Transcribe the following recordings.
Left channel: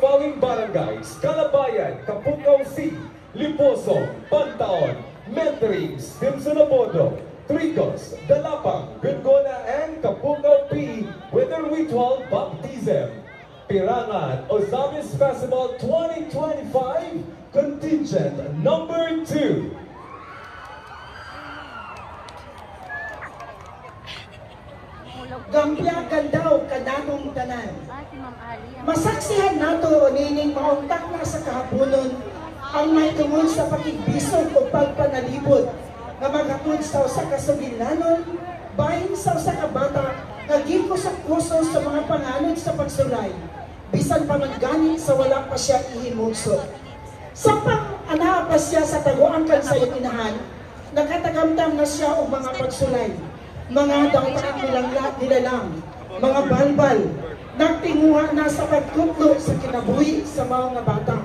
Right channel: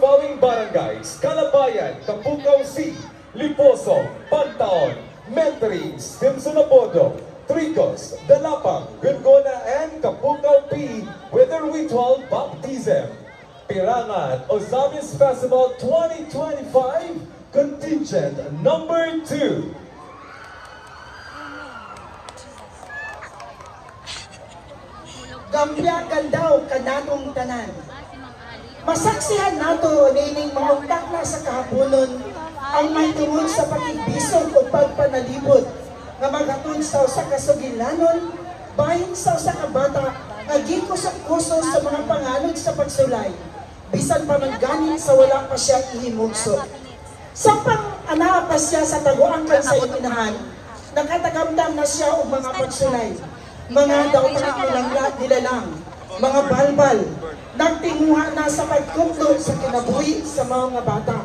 following barangays: Calabayan, Kapukaw C, Liposo, Pantaon, Mentrings, Simpson Abodo, Tricos, Dalapang, Gungona, and Kapukaw P with their ritual baptism. Pirangan Ozamis Festival 2025 Contingent number 2. Gampiagan daw kanatong tanan. Masaksihan nato nining maungtak na sa kahaponon ang may tungod sa pakigbisog o pagpanalibot nga magatod sa usa ka sugilanon bahin sa usa ka bata nga gikusak-kusog sa mga panganod sa pagsulay bisan pa man ganit sa wala pa siya ihimugso. Sa pang-ana pa siya sa taguangkan sa inahan, nakatagamdam na siya o mga pagsulay. Mga daunang nilalang, mga balbal, nagtinguha na sa pagkuklog sa kinabuhi sa mga bata.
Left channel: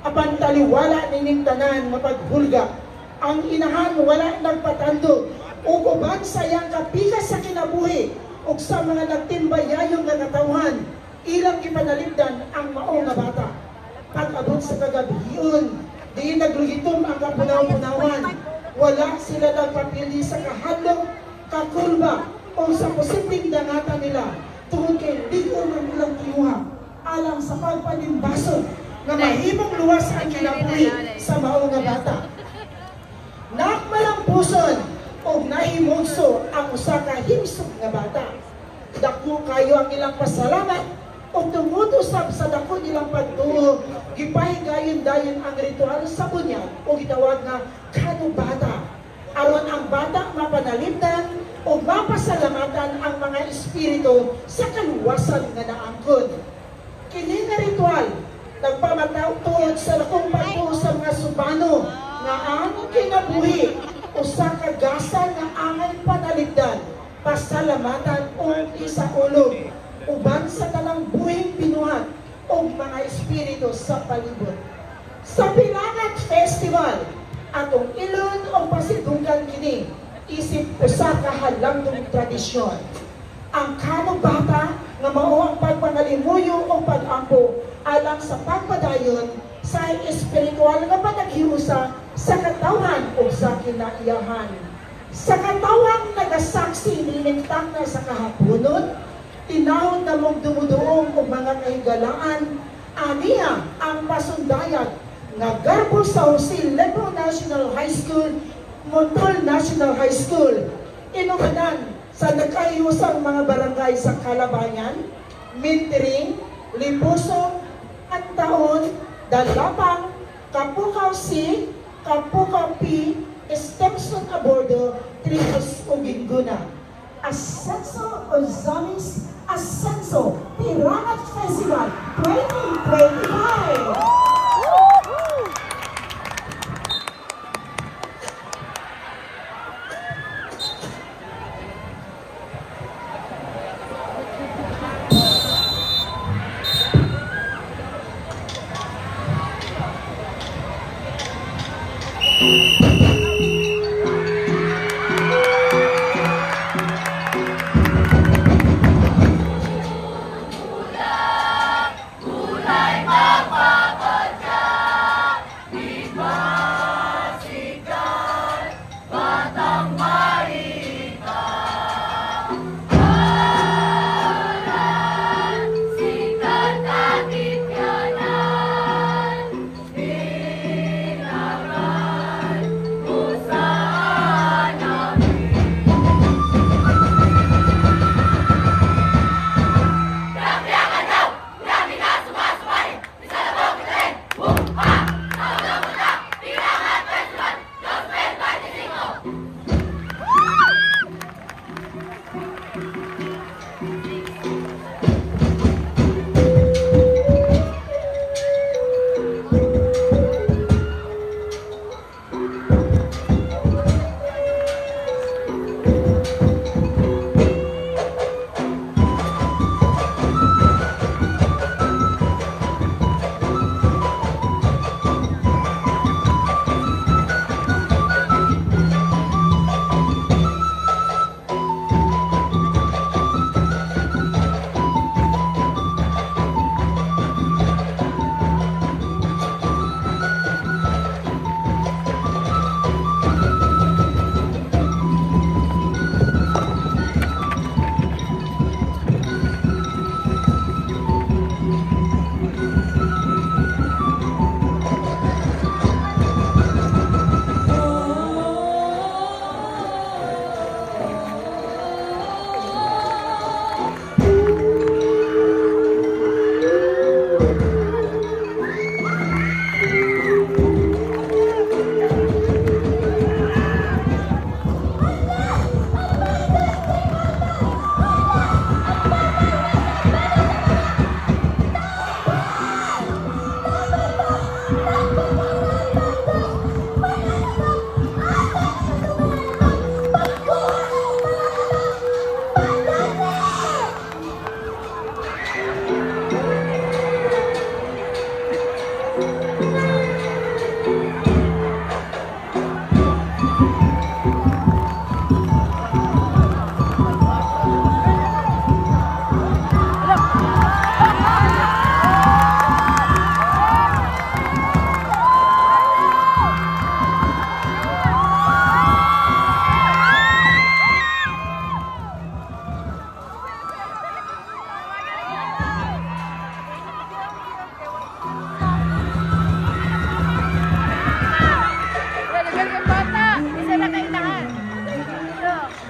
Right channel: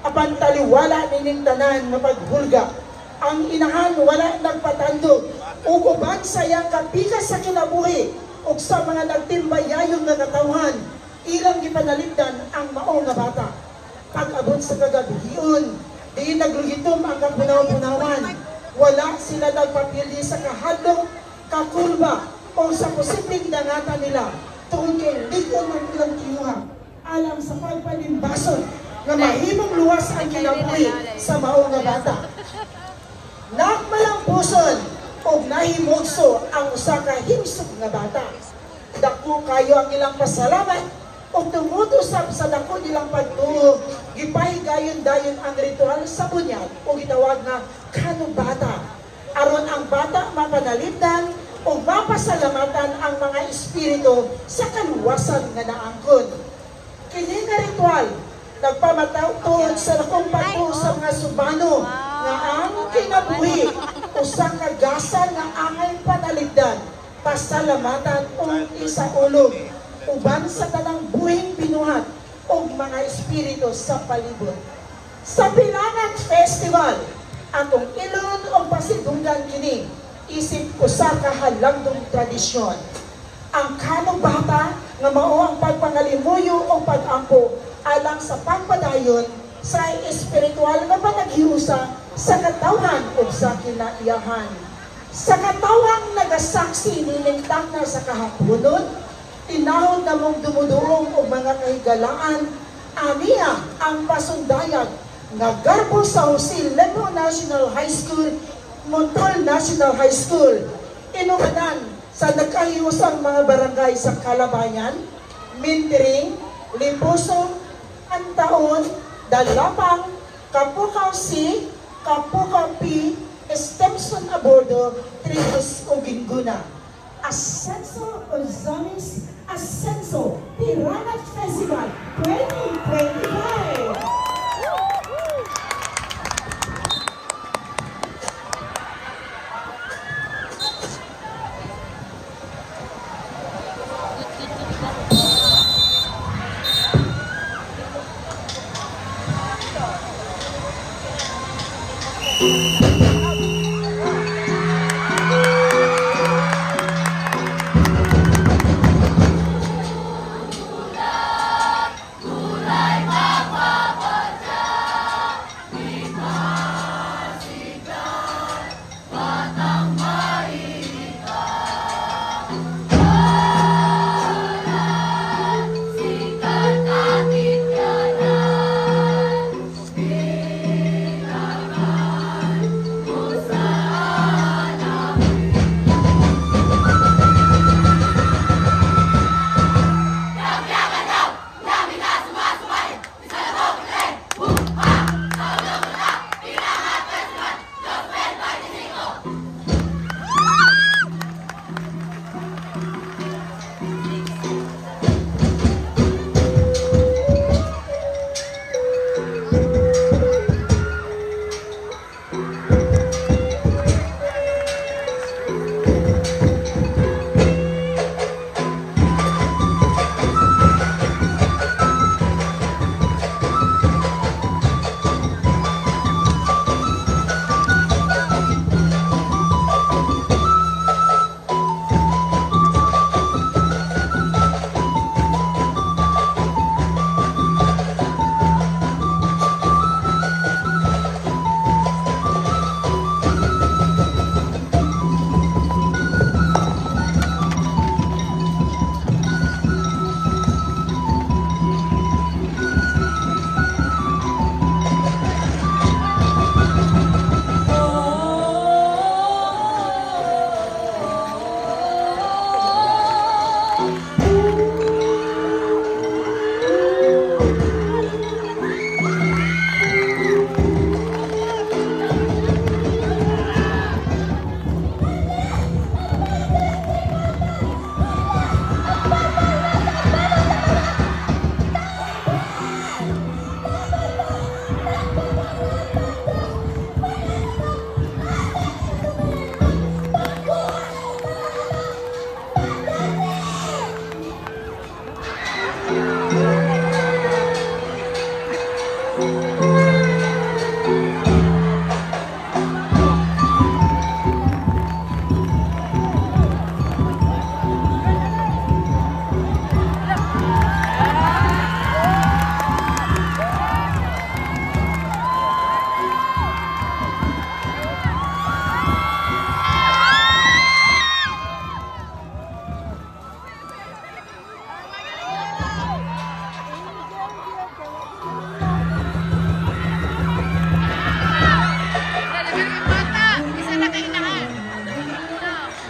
Apan taliwala nining tanan na paghulga, ang inahan wala nagpatandog, uban sa iyang kapikas sa kinabuhi, ug sa mga nagtimbayayon na katawhan, ilang ipanaligdan ang maong na bata. Pag-abot sa kagabihiyon, di nagluhitom ang kapunaw-punawan, wala sila nagpapili sa kahadlok, kakulba o sa posibleng dangatan nila tungkol kay ligon ng ilang kiyuha alang sa pagpanimbaso na mahimong luwas ang kinabuhi sa maong nga bata. Nagmalampuson o nahimugso ang usa ka himsog nga bata. Dako kayo ang ilang pasalamat o tungod-usap sa dako nilang pagtuo, gipahigayon-dayon ang ritual sa bunyag o gitawag na kanubata. Aron ang bata mapanalipdan o mapasalamatan ang mga espiritu sa kaluwasan nga naangkod. Kini nga ritual, nagpamatawtod sa lakong pagtuo sa mga subano nga ang kinabuhi o sa kagasan nga angay panalipdan, pasalamatan o isaulog, uban sa tanang buhing pinuhat o mga espiritu sa palibot. Sa Pirangan Festival, atong ilon o pasidugan kini isip usa ka halangdong tradisyon. Ang kanubata nga mao ang pagpangalimuyo o pag-ampo alang sa pagpadayon sa espiritual nga panaghiusa sa katawhan o sa kinaiyahan. Sa katawhan nagasaksi nining takna sa kahaponon, tinahod na mong dumuduong o mga kahigalaan, aniya ang pasundayag nga garbo sa Jose Lepro National High School, Montol National High School, inumanan sa nagkahiusang mga barangay sa Calabayan, Mintering, Liposo, Antaon, Dalapang, Kapukaw C, Kapukaw P, Stepson Abordo, Tricos o Ginguna. Ascenso Ozamis Ascenso Pirangan Festival 2025! Kulay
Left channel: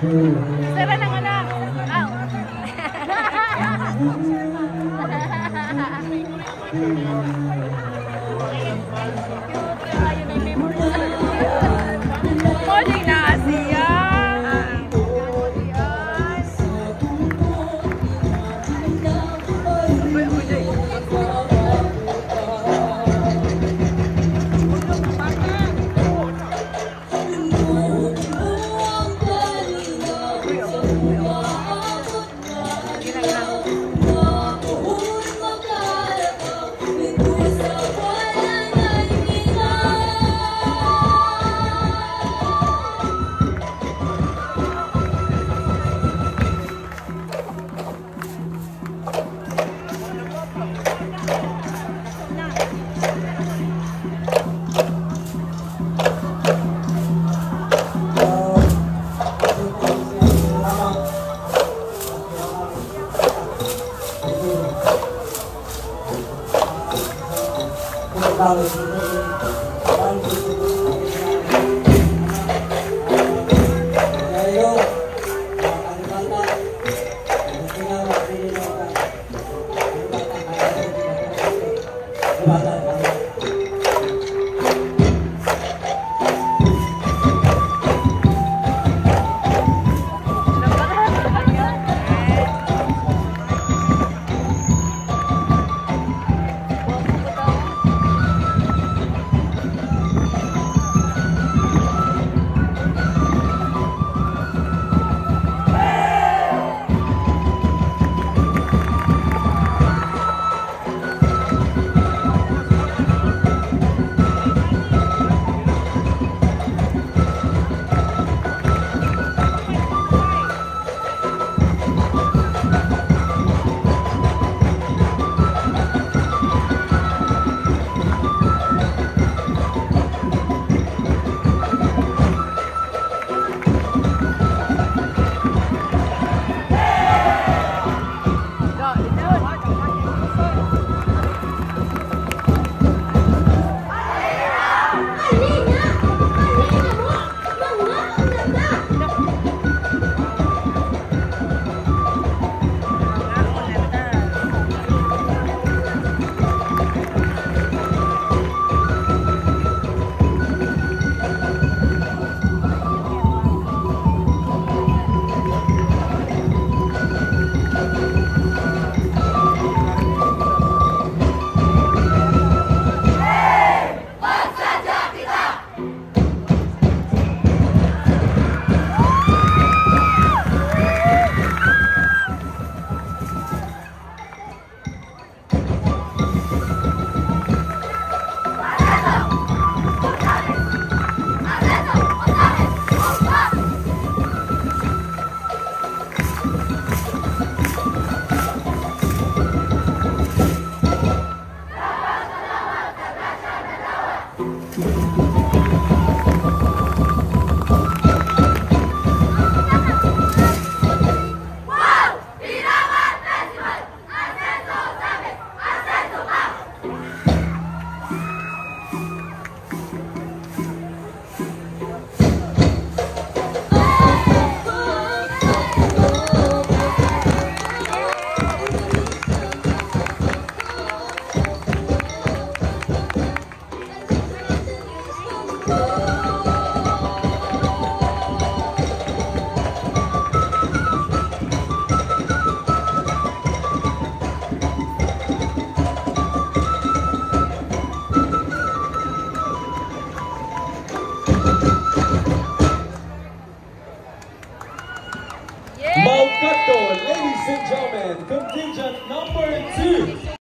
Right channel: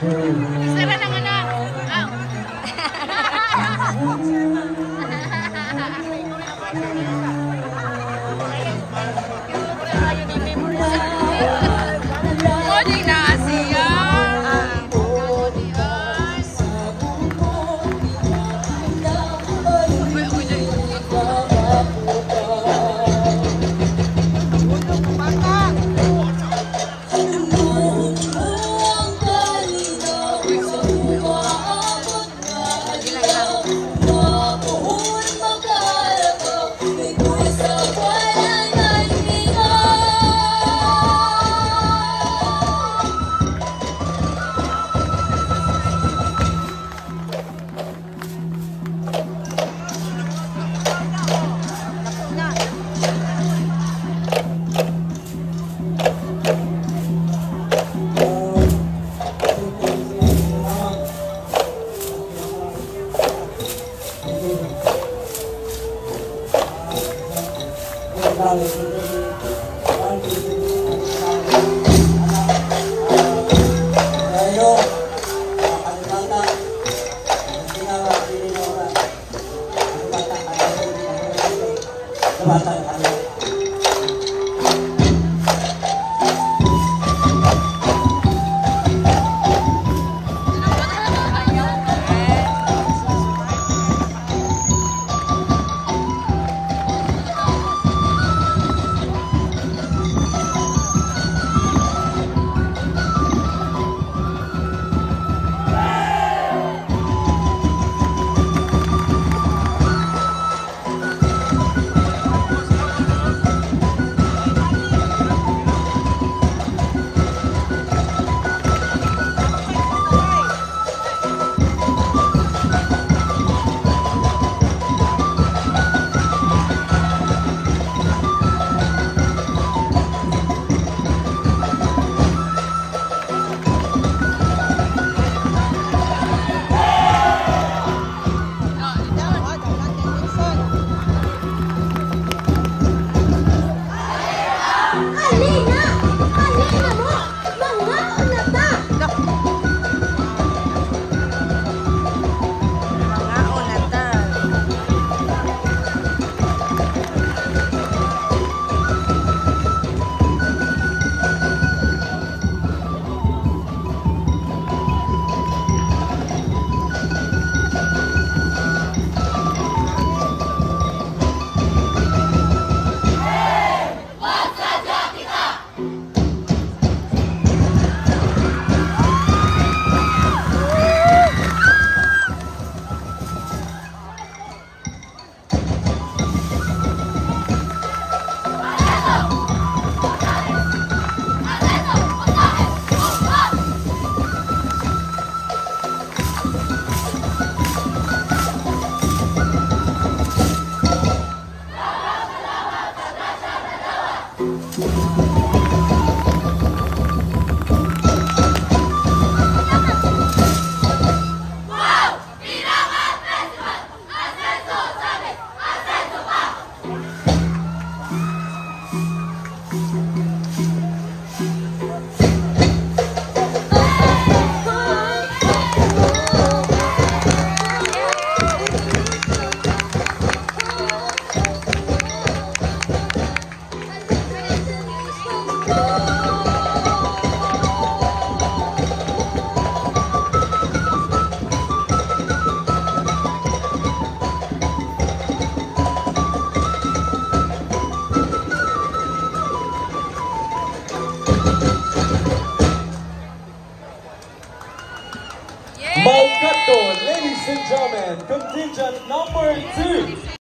Isara ng anak. Ow. Cute. Ayun ay memory. Moding na siya. Thank you.